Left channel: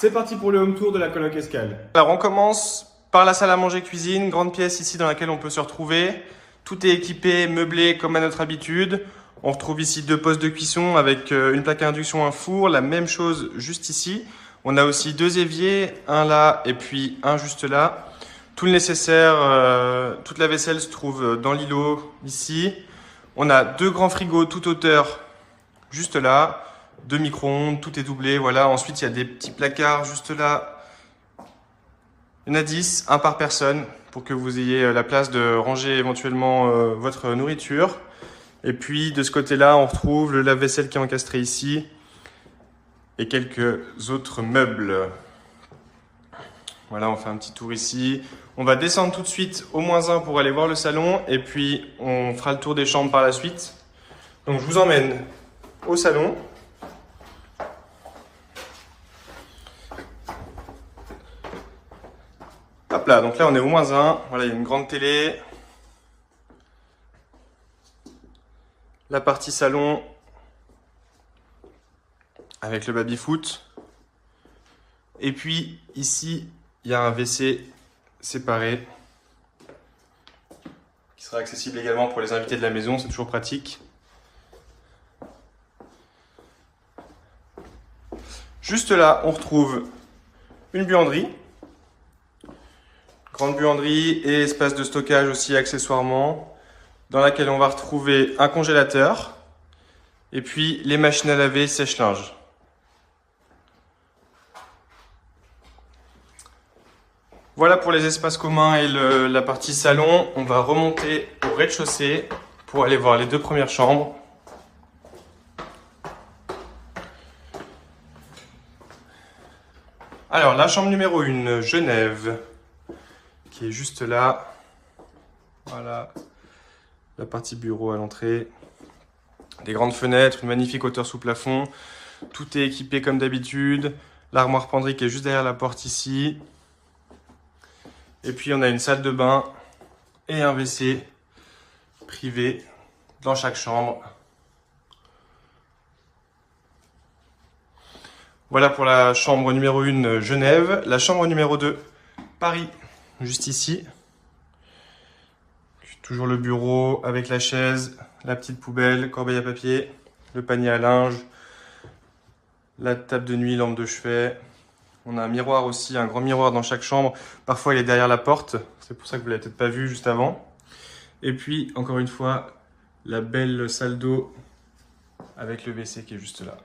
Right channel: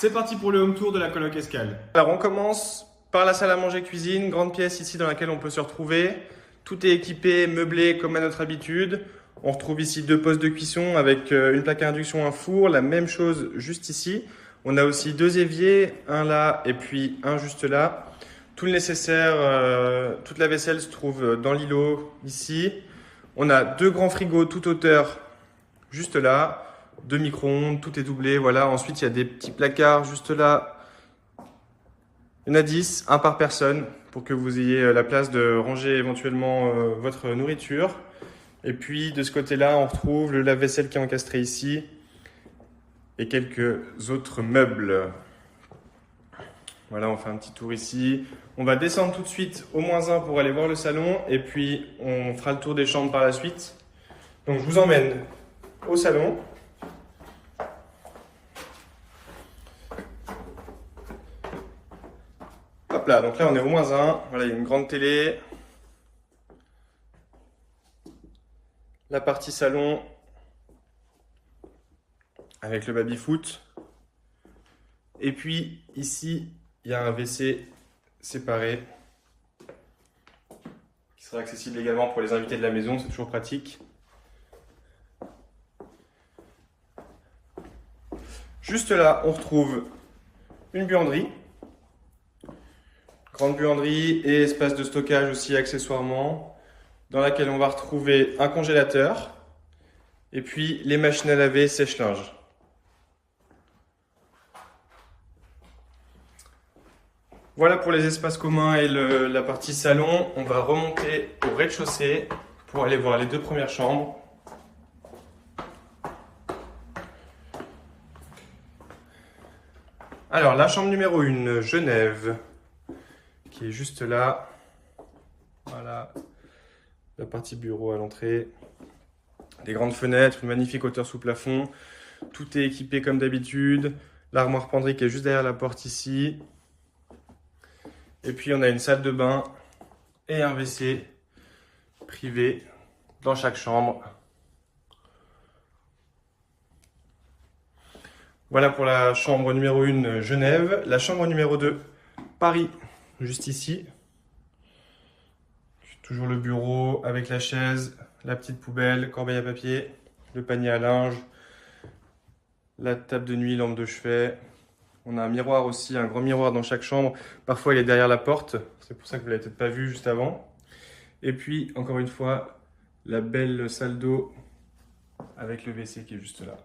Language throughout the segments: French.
C'est parti pour le home tour de la coloc Escale. Alors on commence par la salle à manger cuisine, grande pièce ici dans laquelle on peut se retrouver. Tout est équipé, meublé comme à notre habitude. On retrouve ici 2 postes de cuisson avec une plaque à induction, un four, la même chose juste ici. On a aussi 2 éviers, un là et puis un juste là. Tout le nécessaire, toute la vaisselle se trouve dans l'îlot ici. On a 2 grands frigos toute hauteur juste là. 2 micro-ondes, tout est doublé, voilà. Ensuite, il y a des petits placards juste là. Il y en a 10, un par personne, pour que vous ayez la place de ranger éventuellement votre nourriture. Et puis, de ce côté-là, on retrouve le lave-vaisselle qui est encastré ici et quelques autres meubles. Voilà, on fait un petit tour ici. On va descendre tout de suite au -1 pour aller voir le salon et puis on fera le tour des chambres par la suite. Donc, je vous emmène au salon. Hop là, donc là on est au -1. Voilà, il y a une grande télé. La partie salon avec le baby-foot. Et puis ici, il y a un WC séparé qui sera accessible également pour les invités de la maison, c'est toujours pratique. Juste là, on retrouve une buanderie. Grande buanderie et espace de stockage aussi accessoirement, dans laquelle on va retrouver un congélateur et puis les machines à laver sèche-linge. Voilà pour les espaces communs et la partie salon. On va remonter au rez-de-chaussée pour aller voir les 2 premières chambres. Alors, la chambre numéro 1, Genève, qui est juste là. Voilà, la partie bureau à l'entrée. Des grandes fenêtres, une magnifique hauteur sous plafond. Tout est équipé comme d'habitude. L'armoire penderie qui est juste derrière la porte ici. Et puis on a une salle de bain et un WC privé dans chaque chambre. Voilà pour la chambre numéro 1, Genève. La chambre numéro 2, Paris, juste ici. Toujours le bureau avec la chaise, la petite poubelle, corbeille à papier, le panier à linge, la table de nuit, lampe de chevet. On a un miroir aussi, un grand miroir dans chaque chambre. Parfois, il est derrière la porte. C'est pour ça que vous ne l'avez peut-être pas vu juste avant. Et puis, encore une fois, la belle salle d'eau avec le WC qui est juste là.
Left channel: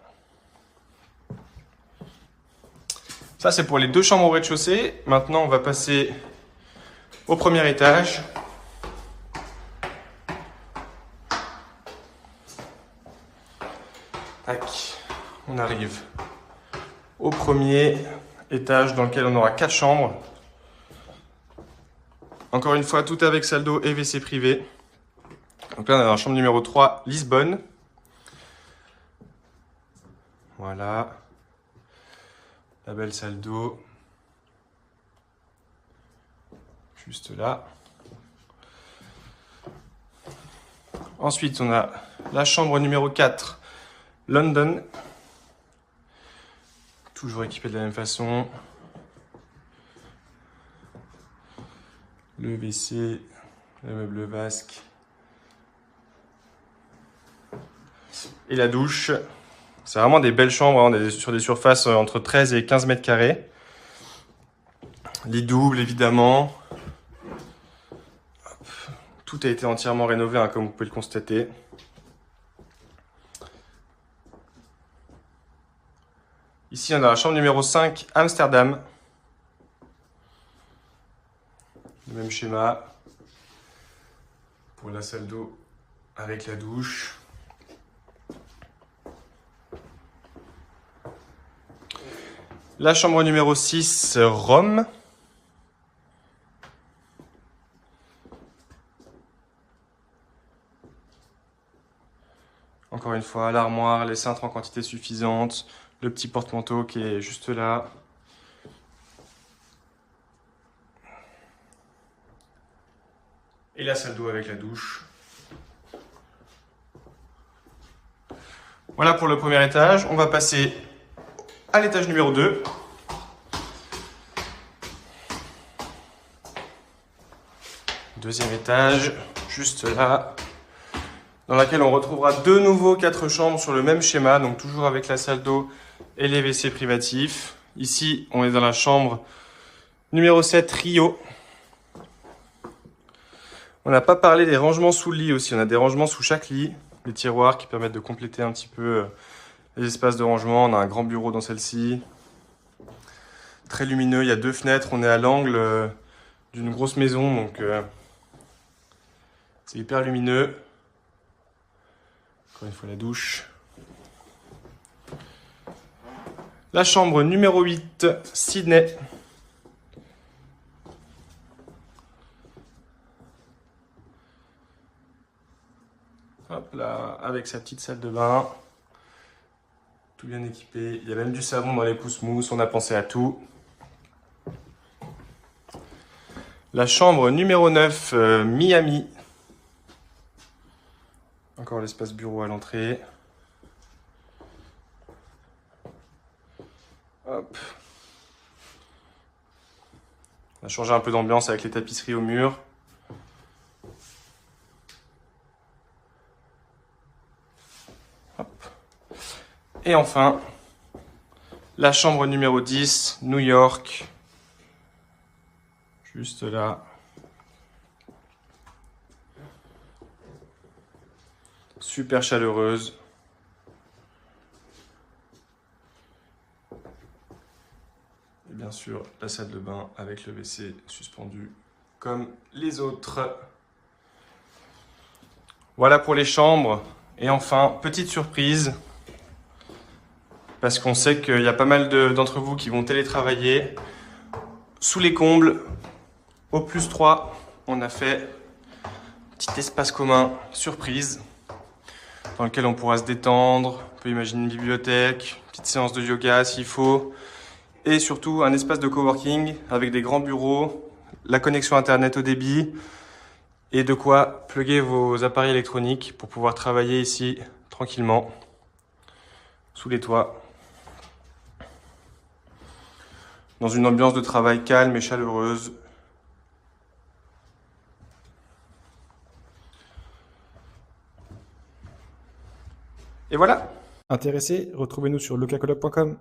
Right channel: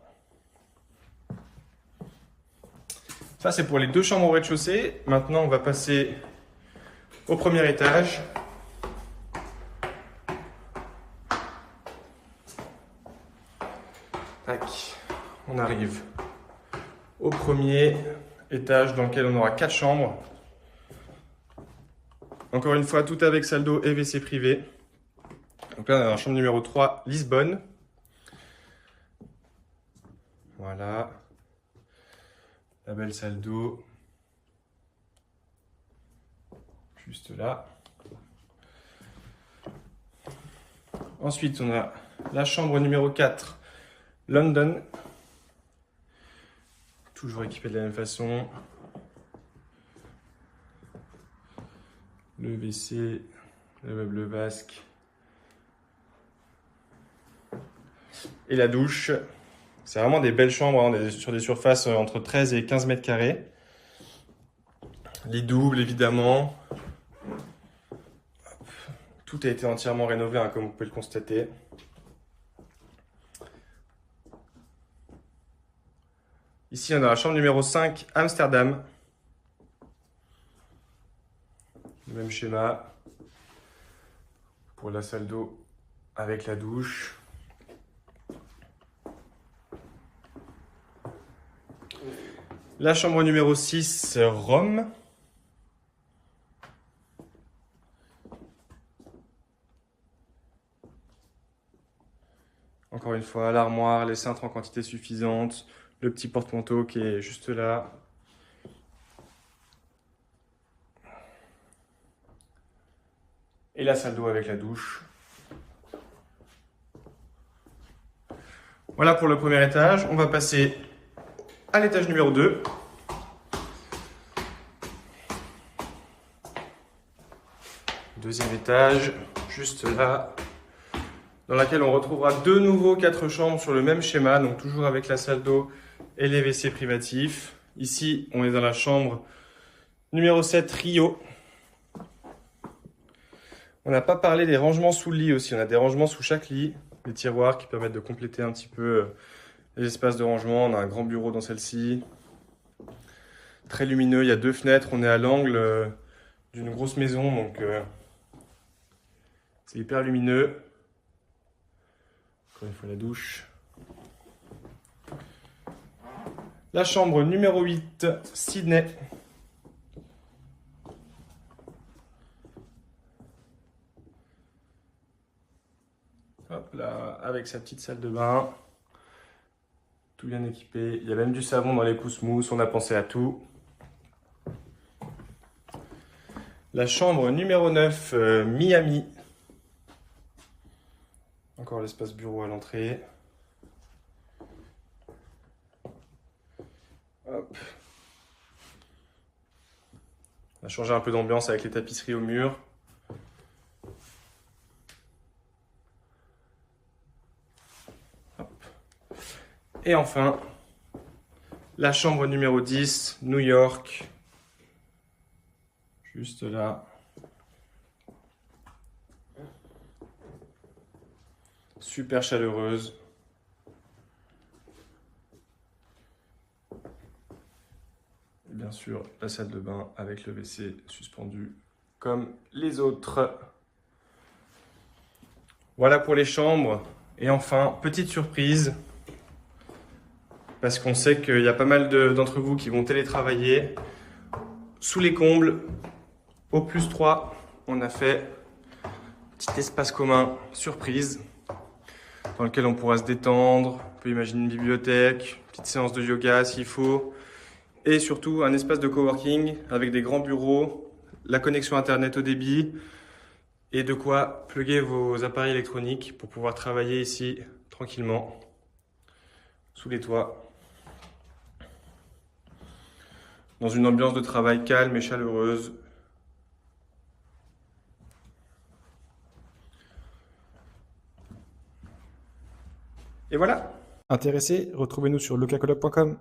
Ça, c'est pour les 2 chambres au rez-de-chaussée. Maintenant, on va passer au premier étage. Tac, on arrive au premier étage dans lequel on aura 4 chambres. Encore une fois, tout avec salle d'eau et WC privé. Donc là, on a la chambre numéro 3, Lisbonne. Voilà. La belle salle d'eau. Juste là. Ensuite, on a la chambre numéro 4, London. Toujours équipé de la même façon. Le WC, le meuble vasque. Et la douche. C'est vraiment des belles chambres, hein, sur des surfaces entre 13 et 15 mètres carrés. Lit double, évidemment. Tout a été entièrement rénové, hein, comme vous pouvez le constater. Ici, on a la chambre numéro 5, Amsterdam. Le même schéma pour la salle d'eau avec la douche. La chambre numéro 6, Rome. Encore une fois, l'armoire, les cintres en quantité suffisante, le petit porte-manteau qui est juste là. Et la salle d'eau avec la douche. Voilà pour le premier étage. On va passer à l'étage numéro 2. Deuxième étage, juste là, dans laquelle on retrouvera de nouveau 4 chambres sur le même schéma, donc toujours avec la salle d'eau et les WC privatifs. Ici, on est dans la chambre numéro 7, Rio. On n'a pas parlé des rangements sous le lit aussi. On a des rangements sous chaque lit, des tiroirs qui permettent de compléter un petit peu les espaces de rangement. On a un grand bureau dans celle-ci. Très lumineux, il y a 2 fenêtres. On est à l'angle d'une grosse maison, donc c'est hyper lumineux. Encore une fois la douche. La chambre numéro 8, Sydney. Hop là, avec sa petite salle de bain. Tout bien équipé. Il y a même du savon dans les pousse-mousse, on a pensé à tout. La chambre numéro 9, Miami. Encore l'espace bureau à l'entrée. Hop. On a changé un peu d'ambiance avec les tapisseries au mur. Hop. Et enfin, la chambre numéro 10, New York. Juste là. Super chaleureuse. Et bien sûr, la salle de bain avec le WC suspendu comme les autres. Voilà pour les chambres. Et enfin, petite surprise, parce qu'on sait qu'il y a pas mal d'entre vous qui vont télétravailler. Sous les combles, au +3, on a fait un petit espace commun surprise dans lequel on pourra se détendre. On peut imaginer une bibliothèque, une petite séance de yoga s'il faut. Et surtout un espace de coworking avec des grands bureaux, la connexion internet au débit et de quoi plugger vos appareils électroniques pour pouvoir travailler ici tranquillement sous les toits dans une ambiance de travail calme et chaleureuse. Et voilà. Intéressé, retrouvez-nous sur lucacoloc.com.